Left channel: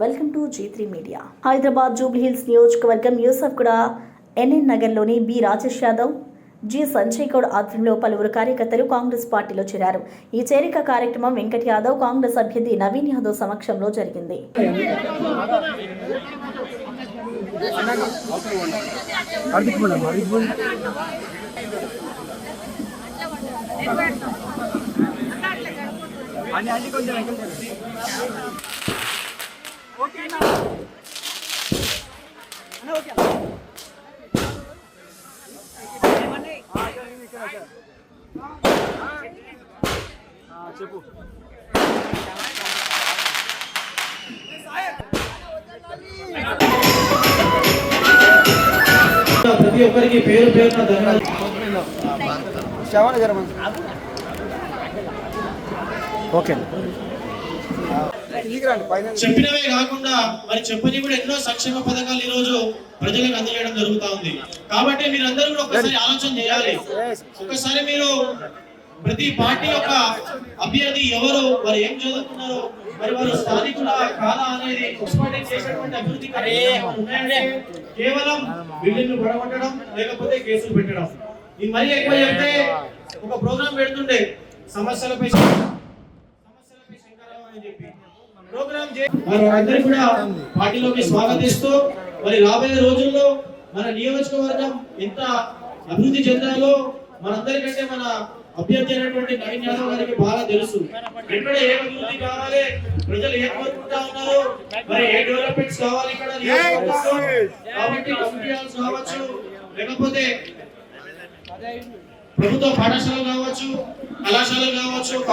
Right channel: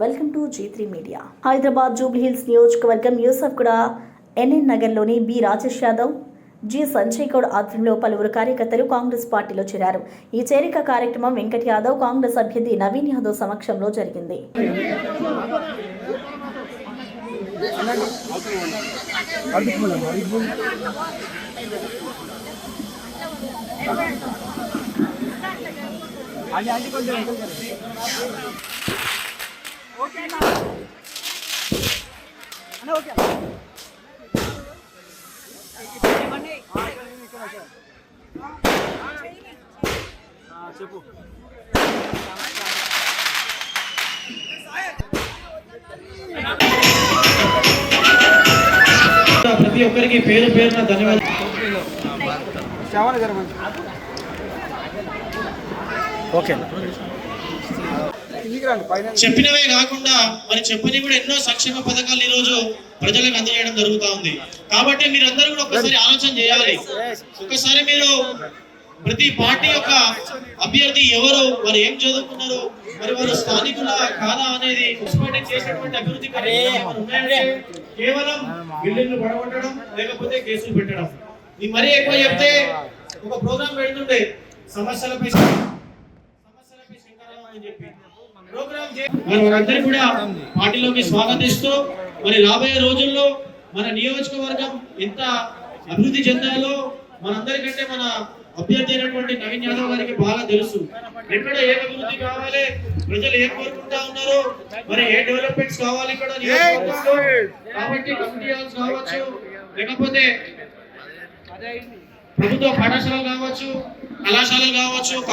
Welcome to G three media. Hyderabad Jubilee Hills నియోజకవర్గం Yousufguda N N నగర్లోని B Rajesh Yadav G Sanjay Goud ఆధ్వర్యంలో పలువురు కార్యకర్తలు కాంగ్రెస్ పార్టీలో చేరారు. ఈ చేరిక కార్యక్రమం వెంకట్ యాదవ్ కాంగ్రెస్ అభ్యర్థి నవీన్ యాదవ్ సమక్షంలో జరిగింది. చెప్పు ప్రతి ఒక్కరికి పేరు పేరున ధన్యవాదాలు ఓకే చెప్పినవే కాకుండా మరి చెప్పని కూడా ఎన్నో సంక్షేమ పథకాలు ఈ రోజు ప్రజలకు అందజేయడం జరుగుతా ఉంది. కాబట్టి మీరందరూ కూడా ఒకసారి ఆలోచన చేయాలి. ఒకసారి మీరు ప్రతి పార్టీ యొక్క అభ్యర్థి ఎవరు మరి ఏం చదువుకున్నారు మరి వారు స్థానికుల కాదా అనేది మున్సిపాలిటీ చేసినటువంటి అభివృద్ధి కేవలం బిల్లులు పడగొట్టడం లేకపోతే కేసులు పెట్టడం. ఇది మరీ ఎక్కువ చెప్తే ఒక ప్రోగ్రామ్ పెడుతుండే సమస్యలపై సమస్యలపై శంకరావం అని చెప్పి. ప్రోగ్రామ్ కూడా పార్టీలోకి స్వాగతిస్తూ మరి రాబోయే రోజుల్లో మన నియోజకవర్గం ఎంత అభివృద్ధి చెందాలో మనందరికంటే మన అభ్యర్థి అయినటువంటి నవీన్ యాదవ్ గారికి బాగా తెలుసు. ఎక్కడ ఏ అభివృద్ధి కావాలి? ప్రజలు ఏం కోరుకుంటా ఉన్నారు? మరి ఏ డెవలప్మెంట్స్ కావాలి ఇక్కడ కాబట్టి కావచ్చు లేకపోతే ప్రభుత్వ పాఠశాలలు కావచ్చు కళాశాలలు కావచ్చు